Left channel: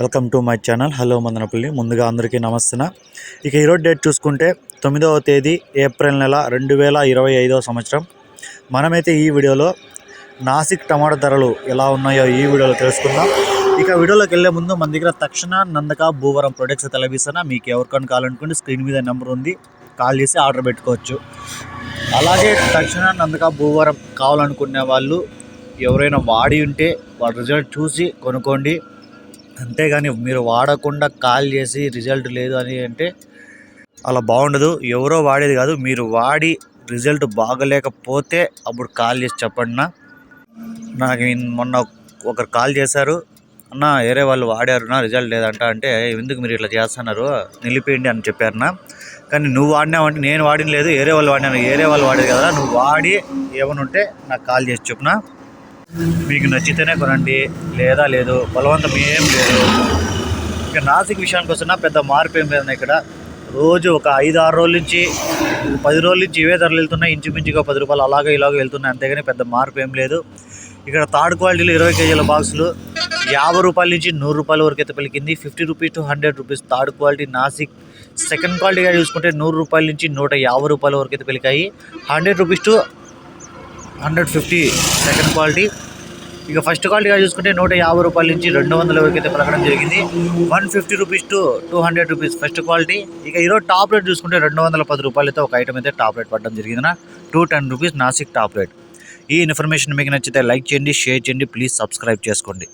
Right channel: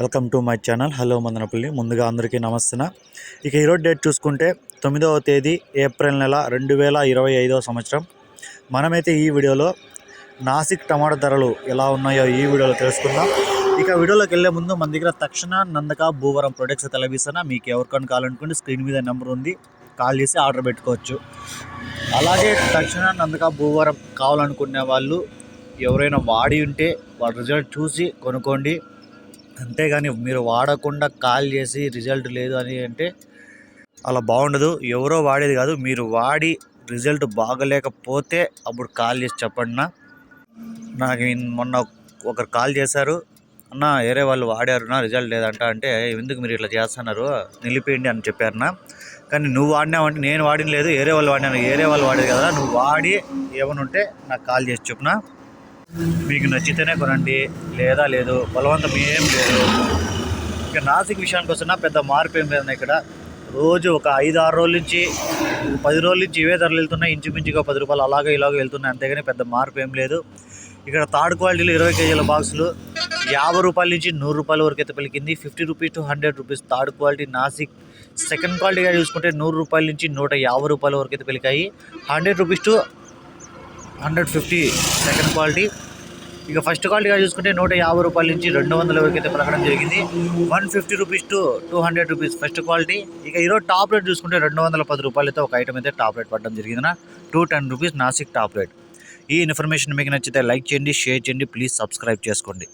Welcome to my channel. Hello Madanapalle. ముందుగా అందరికీ నమస్తున్న ఇక ఈరోజు డేట్ చూసుకుంటే తొమ్మిదవ తేదీ ఏప్రిల్ నెల రెండు వేల ఇరవై ఐదవ సంవత్సరం. మనమైతే ఈ వీడియోలో నాసిక్ టమాటా ధరలు ఎలా ఉన్నాయో ఈ వీడియోలో తెలుసుకుందాం. ఇక వీడియోలోకి వెళ్ళే ముందు మన దగ్గర తక్షణ నందక భూవరం ప్రొడక్ట్స్ తెలిపిస్తున్నా మీకు ఎవరికైనా కావాలనుకుంటే స్క్రీన్ మీద నెంబర్ ఉంది. కాల్ చేసి ఆర్డర్ పెట్టుకోవచ్చు. అలాగే తక్షణ నందక భూవరం కావాలనుకునే వాళ్ళు ఎవరైనా వాడి ఉంటే వాళ్ళ రిజల్ట్ చూసి కొనుక్కోండి. అంతేగాని మీరు వాడకుండా కాల్ చేసి రిజల్ట్ లేదు అని అంటే అలా బాగుండదు. ఎవరో వాడేది కాదు. మీరు వాడి రిజల్ట్ బాగలేకపోతే అప్పుడు కాల్ చేసి చెప్పండి నా నాకు మొన్న ఒకరు కాల్ చేశారు. అన్న వేరే వాళ్ళు వాడారు నా రిజల్ట్ లేదంట. అంటే ఎందుకు మీరు ఇట్లా చేస్తున్నారు? నిలిపేయండి అని చెప్పారన్నా కానీ నువ్వు వాడినావంటే నేను వాడిన లేదు. వేరే వాళ్ళు వాడినాను. వేరే వాళ్ళు వాడేది కదా నువ్వు వాడి ఏమనుంటే ఉంటే నాకు కాల్ చేసి చెప్పునా మీకు నచ్చితేనే కొనండి లేదా లేదు బలవంతం ఏం లేదు. ఇక నాసిక్ విషయానికి వస్తున్నా పెద్ద మార్పు ఏం లేదు ఇక్కడ. రోజు ఒక ఐదు ఆరు రోజుల నుంచి పది రోజుల నుంచి ఇవే ధరలు వెళ్తున్నాయి ఇంచుమించుగా పది రూపాయలు అలాగే ఇలాగే వెళ్తున్నాయి అంతేగాని పెద్ద మార్పు ఏం లేదు. ఇక్కడ థర్డ్ క్వాలిటీలో ఇరవై కేజీల బాక్సులు యాభై రూపాయల నుంచి నూరు రూపాయల వరకు అయితే పలికింది. Fifty rupees to hundred rupees third quality Nashik. Second క్వాలిటీగా చూసుకుంటే నూరు రూపాయల నుంచి నూట యాభై రూపాయల వరకు అయితే పలికాయి. Hundred rupees to hundred fifty second quality ఇక ఫస్ట్ క్వాలిటీగా చూసుకుంటే నూట యాభై రూపాయల నుంచి రెండు వందల వరకు అయితే పలకడం జరిగింది. One fifty rupees to two hundred rupees first quality ఇక ఈరోజు టాప్ రేట్ చూసుకుంటే రెండు వందల పది రూపాయలతో ఒక ఐటమ్ అయితే టాప్ రేట్ పడడం జరిగింది two ten rupees Nashik top rate ఈ ఇన్ఫర్మేషన్ మీకు నచ్చితే లైక్ చేయండి షేర్ చేయండి ప్లీజ్ సబ్స్క్రైబ్ చేసుకోండి.